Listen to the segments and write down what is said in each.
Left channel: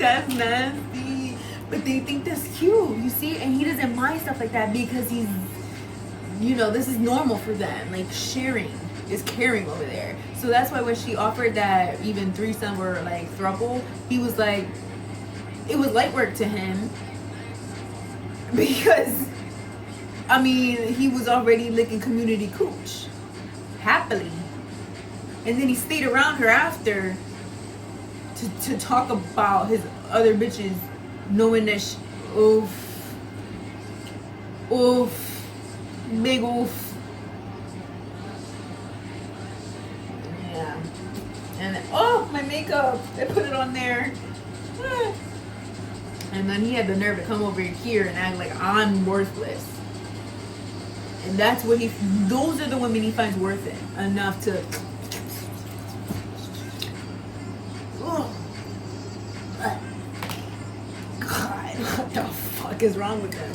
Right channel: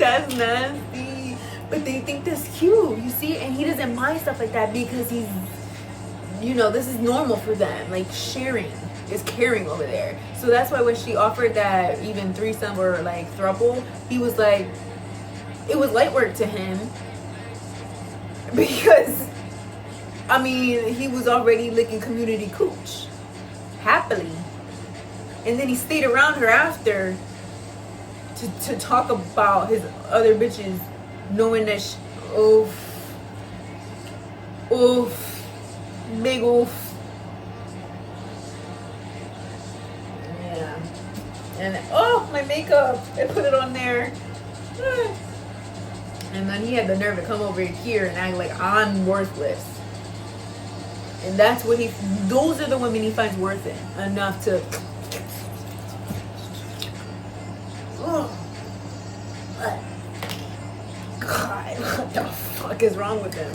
That's nasty. But they think that's cute, you see? And he doesn't mind stuff like that because he's, you know, this is normal for them. Like, sharing is caring over there. So that's why when she offered that even threesome or like throuple, he was like, it was light work to him. Because, I mean, he was already licking community cooch. Happily. And then he stayed around her after to talk about his other bitches, knowing that oof, big oof. Yeah. And oh, my makeup, I put it on there. And then he had the nerve to come over here and act like I'm worthless. And that's what those are the women he finds worth it enough to. God, what the fuck is wrong with him?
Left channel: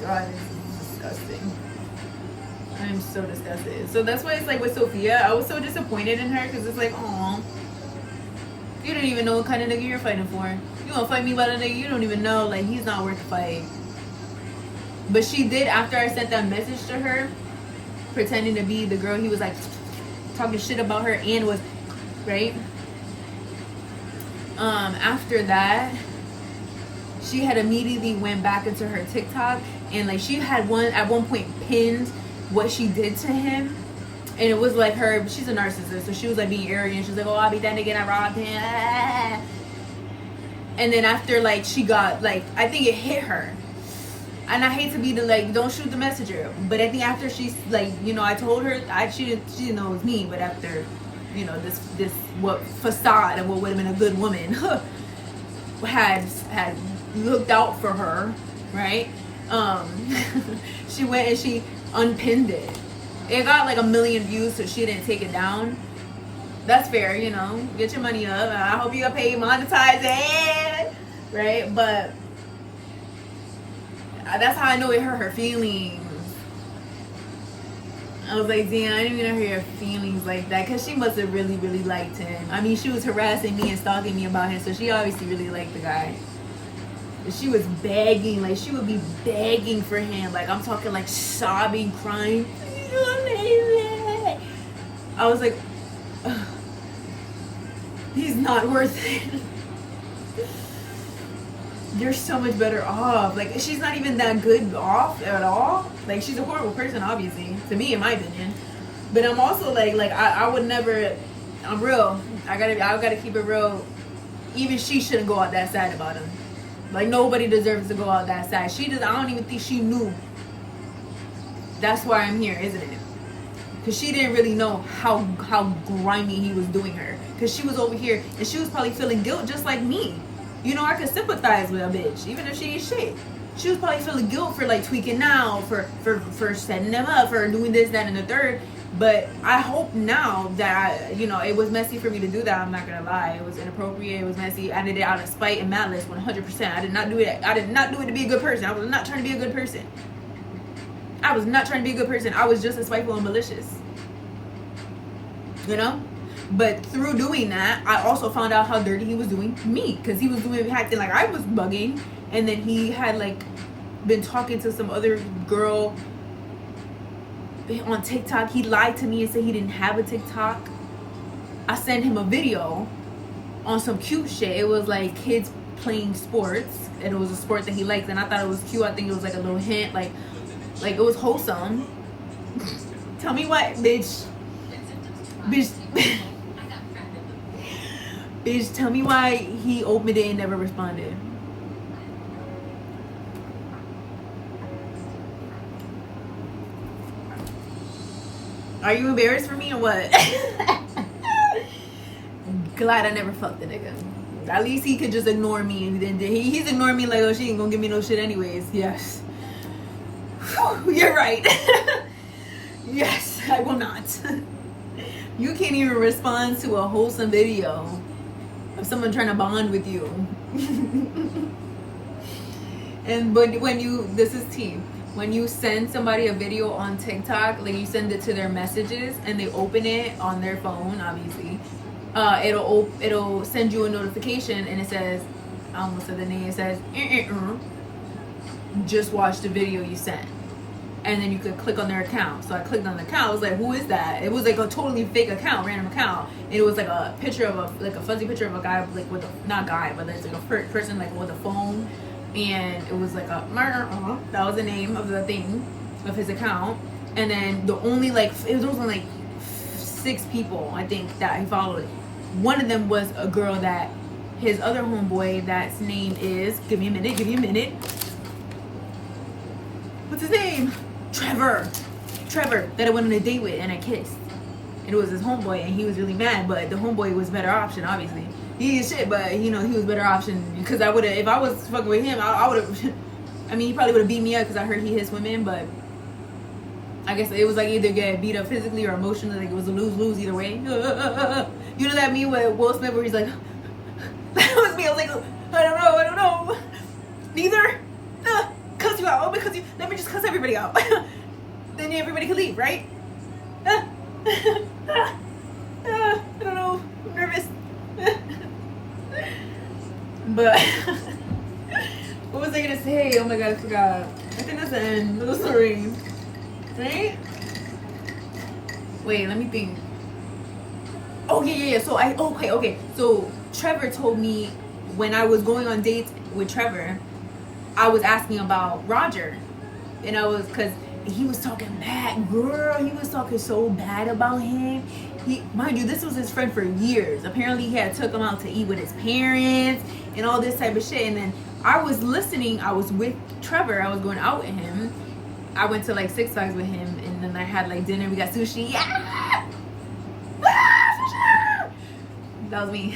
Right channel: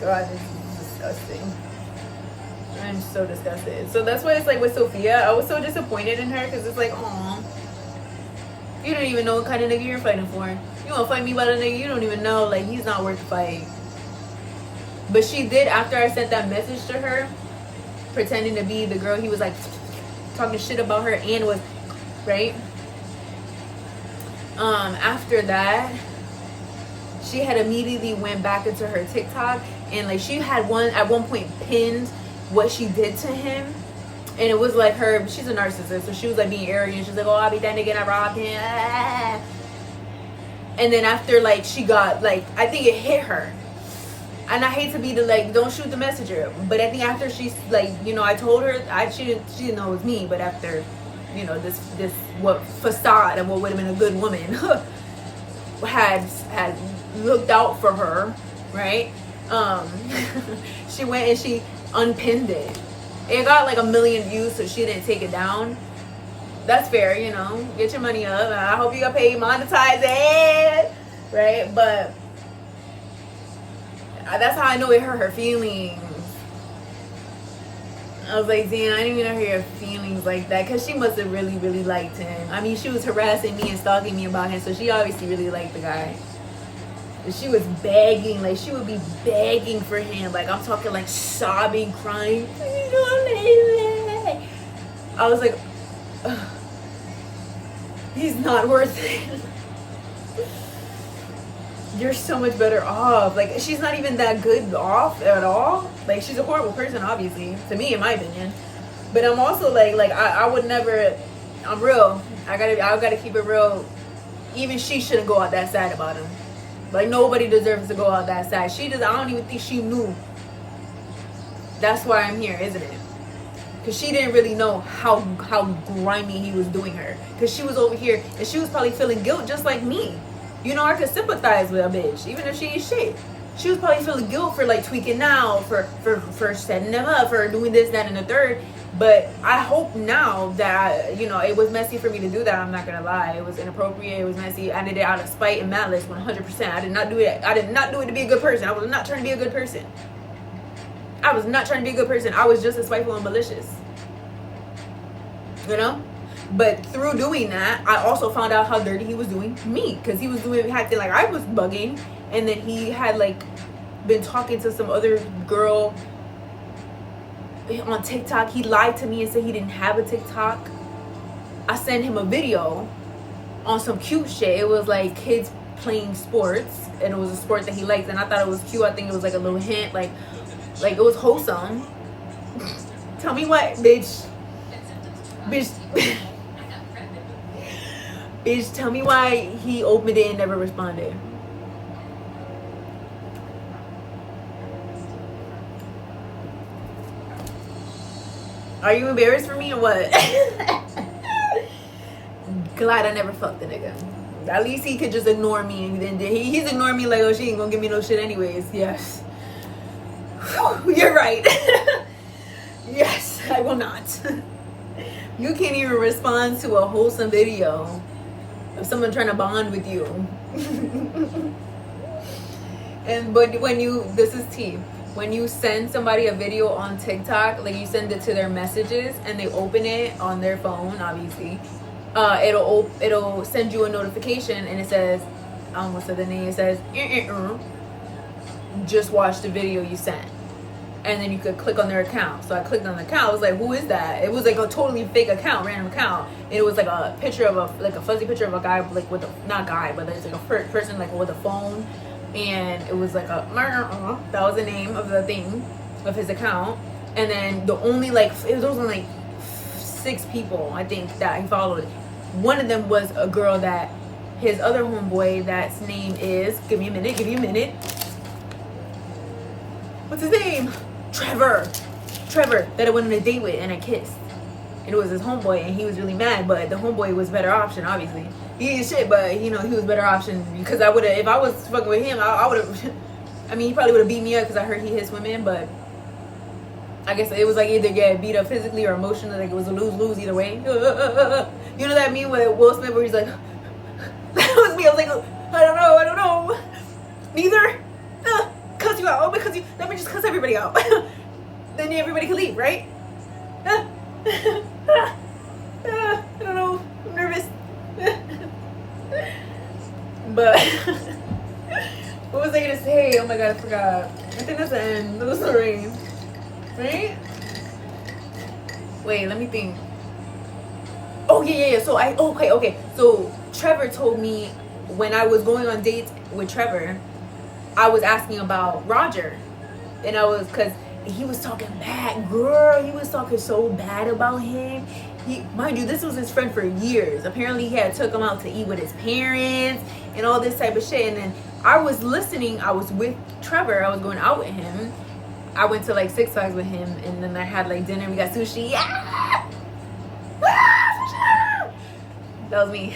God, this is disgusting. I'm so disgusted. So that's why it's like with Sophia, I was so disappointed in her because it's like, aw, you don't even know what kind of nigga you're fighting for. You want to fight me about a nigga you don't even know, like he's not worth the fight. But she did, after I sent that message to her, pretending to be the girl he was like talking shit about her and was, right? After that, she had immediately went back into her TikTok and like she had at one point pinned what she did to him. And it was like she's a narcissist, so she was like being arrogant. She's like, oh, I'll be that nigga and I robbed him. And then after like she got like, I think it hit her. And I hate to be the like, don't shoot the messenger. But I think after she's like, you know, I told her, she didn't know it was me. But after, you know, this what facade of what would have been a good woman had looked out for her, right? She went and she unpinned it. It got like 1 million views, so she didn't take it down. That's fair, you know. Get your money up. I hope you got paid, monetize it, right? But that's how I know it hurt her feelings. I was like, damn, I didn't even know her feelings like that, because she must have really, really liked him. I mean, she was harassing me and stalking me about him, so she obviously really liked the guy. But she was begging, like she would be begging for him. Like I'm talking like sobbing, crying. I was like, ugh, he's not worth it. You're so much better off. Like she's not even that good off at all. Like she's a horrible person, obviously, to me, in my opinion. But I'm also like I would never. I'm real. I gotta keep it real. Even she shouldn't go out that sad about him. Like nobody deserves to go out that sad. She does. I don't even think she knew. That's why I'm here, isn't it? Because she didn't really know how grimy he was doing her. Because she was over here and she was probably feeling guilt just like me. You know, I could sympathize with a bitch, even if she ain't shit. She was probably feeling guilt for like tweaking out, for setting them up, for doing this, that, and the third. But I hope now that, you know, it was messy for me to do that. I'm not gonna lie. It was inappropriate. It was messy. I did it out of spite and malice, 100%. I did not do it. I did not do it to be a good person. I was not trying to be a good person. I was not trying to be a good person. I was just as spiteful and malicious. You know? But through doing that, I also found out how dirty he was doing me. Because he was acting like I was bugging. And then he had like been talking to some other girl on TikTok. He lied to me and said he didn't have a TikTok. I sent him a video on some cute shit. It was like kids playing sports. And it was a sport that he liked. And I thought it was cute. I think it was like a little hint. Like it was wholesome. Tell me what, bitch. Bitch, tell me why he opened it and never responded. Are you embarrassed for me or what? Glad I never fucked the nigga. At least he could just ignore me. And then he's ignoring me like, oh, she ain't gonna give me no shit anyways. Yes. Whew, you're right. Yes, I will not. You can't even respond to a wholesome video of someone trying to bond with you. But when this is tea. When you send somebody a video on TikTok, like you send it to their messages and they open it on their phone, obviously, it'll send you a notification, and it says, I almost said the name. It says, just watch the video you sent. And then you could click on their account. So I clicked on the account. I was like, who is that? It was like a totally fake account, random account. And it was like a picture of a fuzzy picture of a guy, like with a, not guy, but there's like a person like with a phone. And it was like a, that was the name of the thing, of his account. And then the only like, it was only like 6 people, I think, that he followed. One of them was a girl that his other homeboy, that's name is, give me a minute. What's his name? Trevor, that I went on a date with and I kissed. And it was his homeboy, and he was really mad, but the homeboy was better option, obviously. He is shit, but you know, he was better option, because I would have, if I was fucking with him, I would have, I mean, he probably would have beat me up because I heard he hits women, but I guess it was like either get beat up physically or emotionally, like it was a lose-lose either way. You know that meme with Will Smith where he's like, that was me, I was like, I don't know. Neither. Cuss you out. Let me just cuss everybody out. Then everybody can leave, right? I don't know. I'm nervous. But what was I gonna say? Oh my god, I forgot. I think that's the end of the story. Right? Wait, let me think. Oh yeah. So okay. So Trevor told me when I was going on dates with Trevor, I was asking about Roger, and I was, cause he was talking bad, girl. He was talking so bad about him. Mind you, this was his friend for years. Apparently, he had took him out to eat with his parents and all this type of shit. And then I was listening. I was with Trevor. I was going out with him. I went to like 6 Flags with him, and then I had like dinner. We got sushi. Yeah! That was me.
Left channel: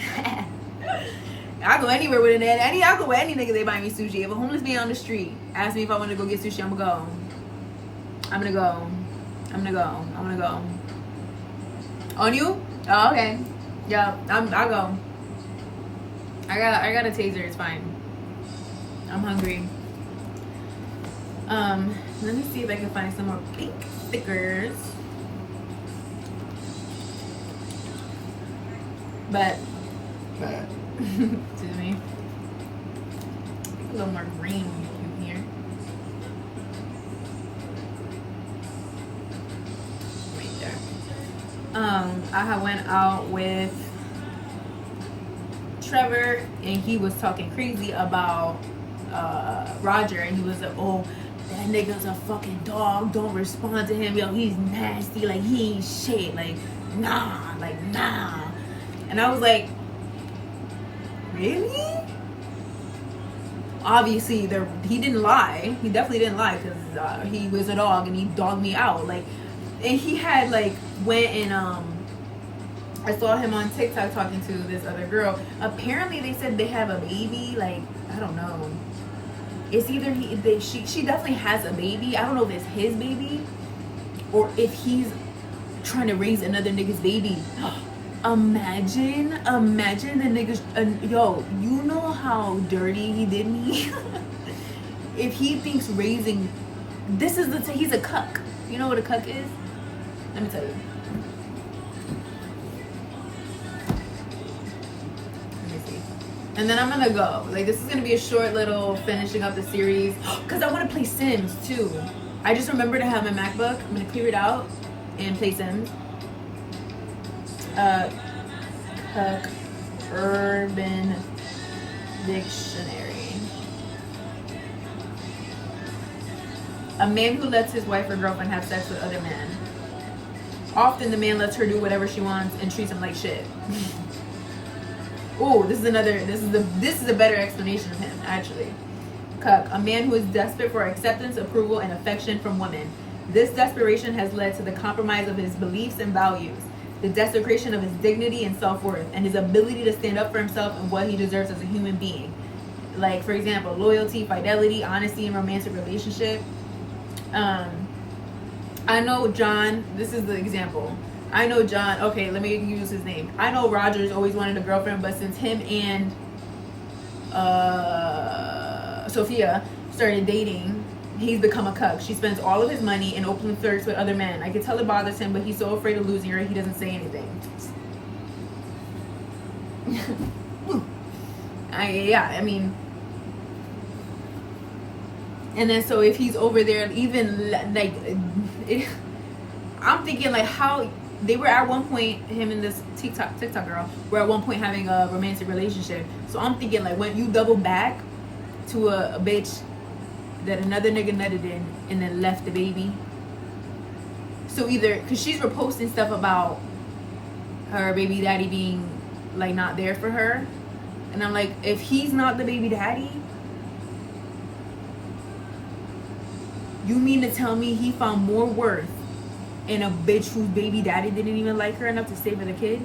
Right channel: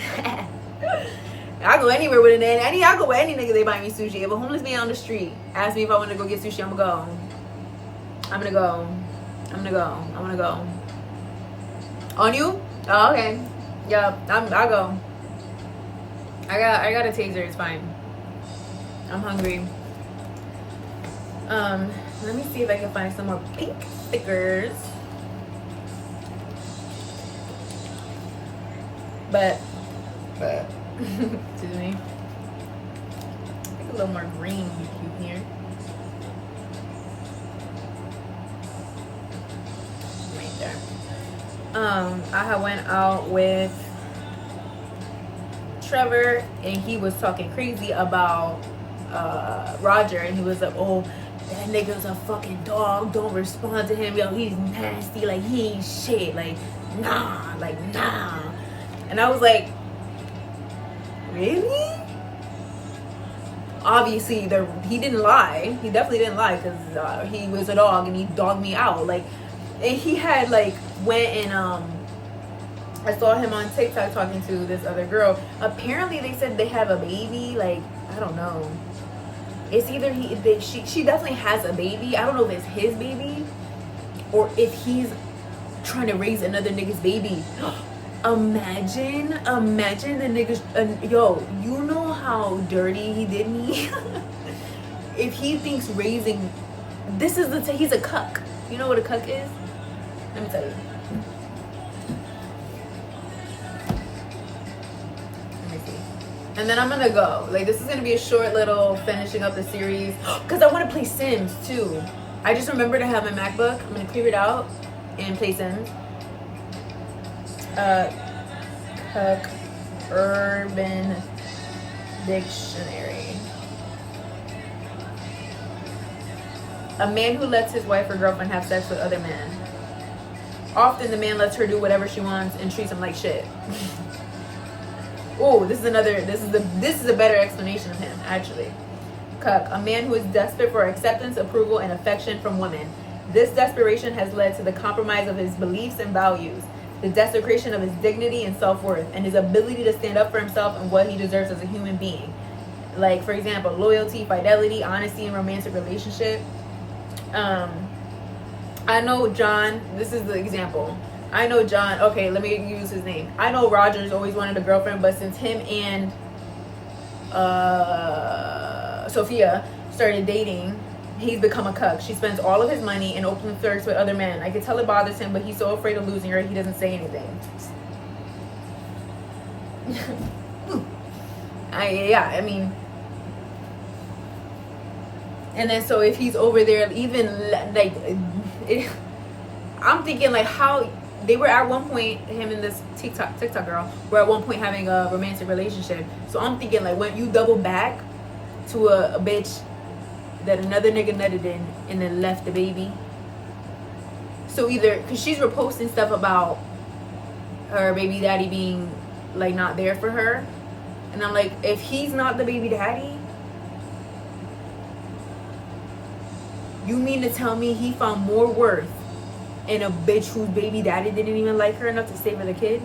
I go anywhere with a nanny. I go with any nigga they buy me sushi. If a homeless man on the street asks me if I want to go get sushi, I'm gonna go. On you? Oh, okay. Yeah, I'll go. I got a taser. It's fine. I'm hungry. Let me see if I can find some more pink stickers. But excuse me. I think a little more green would be cute here. Right there. I had went out with Trevor, and he was talking crazy about Roger, and he was like, oh, that nigga's a fucking dog, don't respond to him, yo, he's nasty, like he ain't shit, like nah. And I was like, really? Obviously he didn't lie. He definitely didn't lie, because he was a dog and he dogged me out. Like, and he had like went and I saw him on TikTok talking to this other girl. Apparently they said they have a baby. Like, I don't know. It's either she definitely has a baby. I don't know if it's his baby or if he's trying to raise another nigga's baby. Imagine the niggas. Yo, you know how dirty he did me. If he thinks raising, he's a cuck. You know what a cuck is? Let me tell you. Let me see. And then I'm gonna go. Like, this is gonna be a short little finishing up the series, because I want to play Sims too. I just remembered I have my MacBook. I'm gonna clear it out and play Sims. Cuck Urban Dictionary. A man who lets his wife or girlfriend have sex with other men. Often the man lets her do whatever she wants and treats him like shit. Oh, this is a better explanation of him, actually. Cuck, a man who is desperate for acceptance, approval, and affection from women. This desperation has led to the compromise of his beliefs and values, the desecration of his dignity and self-worth, and his ability to stand up for himself and what he deserves as a human being. Like, for example, loyalty, fidelity, honesty in romantic relationship. I know John, this is the example. I know John, okay, let me use his name. I know Roger's always wanted a girlfriend, but since him and Sophia started dating, he's become a cuck. She spends all of his money and openly flirts with other men. I can tell it bothers him, but he's so afraid of losing her, he doesn't say anything. I mean, and then so if he's over there, even like, I'm thinking like how they were at one point, him and this TikTok girl were at one point having a romantic relationship. So I'm thinking like when you double back to a bitch that another nigga nutted in and then left the baby. So either because she's reposting stuff about her baby daddy being like not there for her, and I'm like, if he's not the baby daddy, you mean to tell me he found more worth in a bitch whose baby daddy didn't even like her enough to stay with the kid?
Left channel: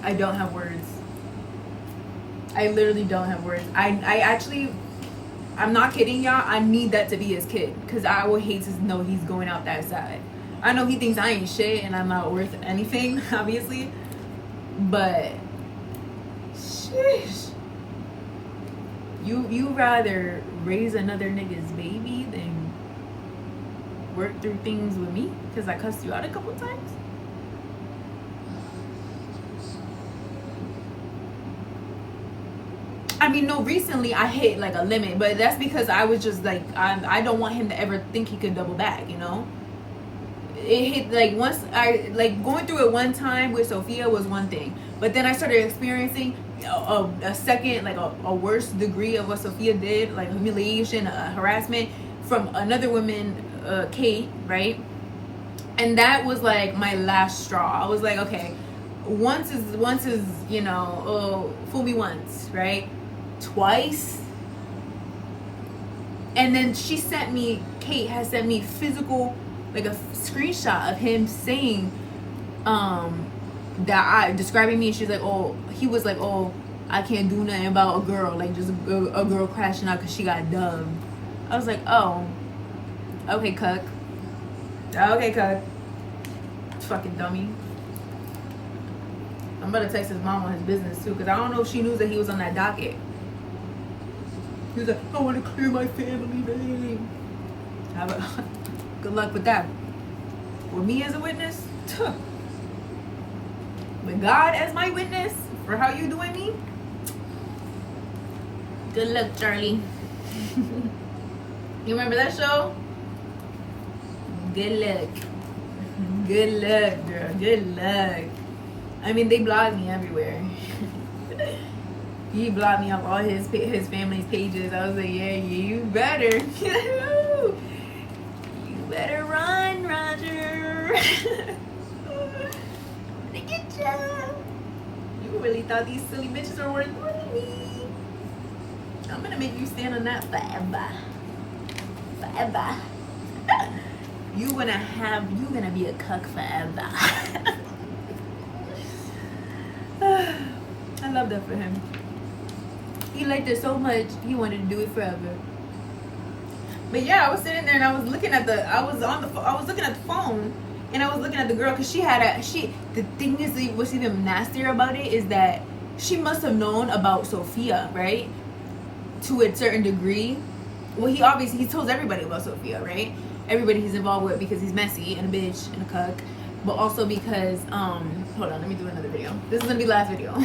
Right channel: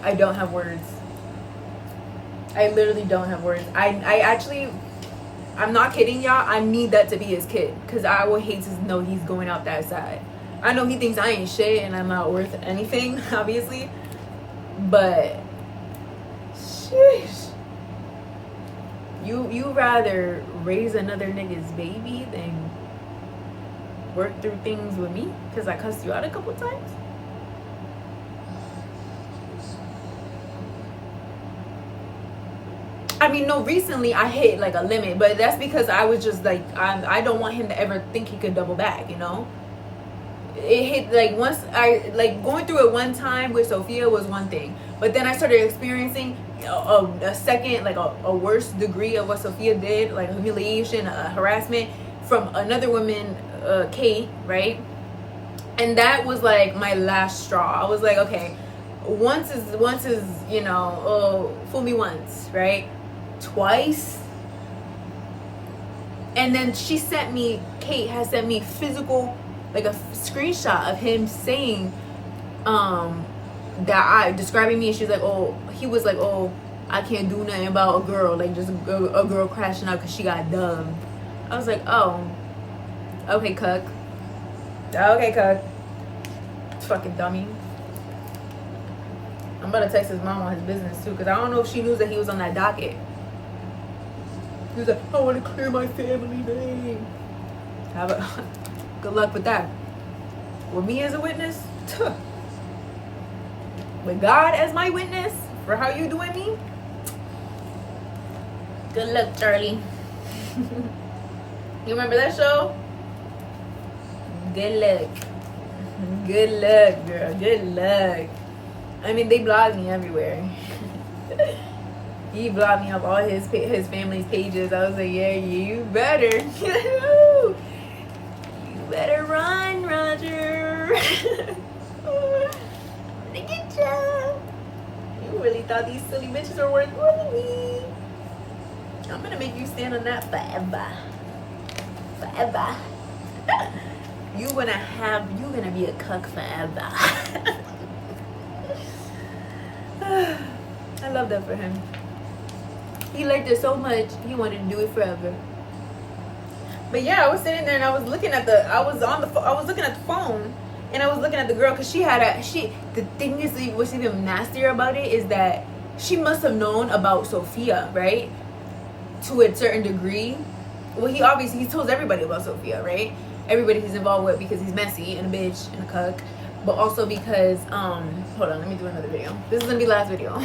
I don't have words. I literally don't have words. I actually, I'm not kidding y'all. I need that to be his kid, because I would hate to know he's going out that side. I know he thinks I ain't shit and I'm not worth anything, obviously. But, sheesh. You rather raise another nigga's baby than work through things with me because I cussed you out a couple times? I mean, no, recently I hit like a limit, but that's because I was just like, I don't want him to ever think he could double back, you know? It hit like once I, like going through it one time with Sophia was one thing, but then I started experiencing a second, like a worse degree of what Sophia did, like humiliation, harassment from another woman, Kate, right? And that was like my last straw. I was like, okay, once is you know, oh, fool me once, right? Twice. And then Kate has sent me physical, like a screenshot of him saying that describing me, and she's like, oh, he was like, oh, I can't do nothing about a girl, like just a girl crashing out because she got dubbed. I was like, oh, okay, cuck. Fucking dummy. I'm about to text his mom on his business too, because I don't know if she knew that he was on that docket. He was like, I want to clear my family name. Good luck with that. With me as a witness, with God as my witness for how you doing me, good luck, Charlie. You remember that show? Good luck. Good luck, girl. Good luck. I mean, they blocked me everywhere. He blocked me off all his family's pages. I was like, yeah, you better. You better run, Roger. I'm gonna get you. You really thought these silly bitches are worth more than me. I'm gonna make you stand on that forever. Forever. You're gonna be a cuck forever. I love that for him. He liked it so much, he wanted to do it forever. But yeah, I was sitting there and I was looking at the phone, and I was looking at the girl, because the thing is, what's even nastier about it is that she must have known about Sophia, right? To a certain degree. Well, he tells everybody about Sophia, right? Everybody he's involved with, because he's messy and a bitch and a cuck, but also because hold on, let me do another video. This is gonna be the last video.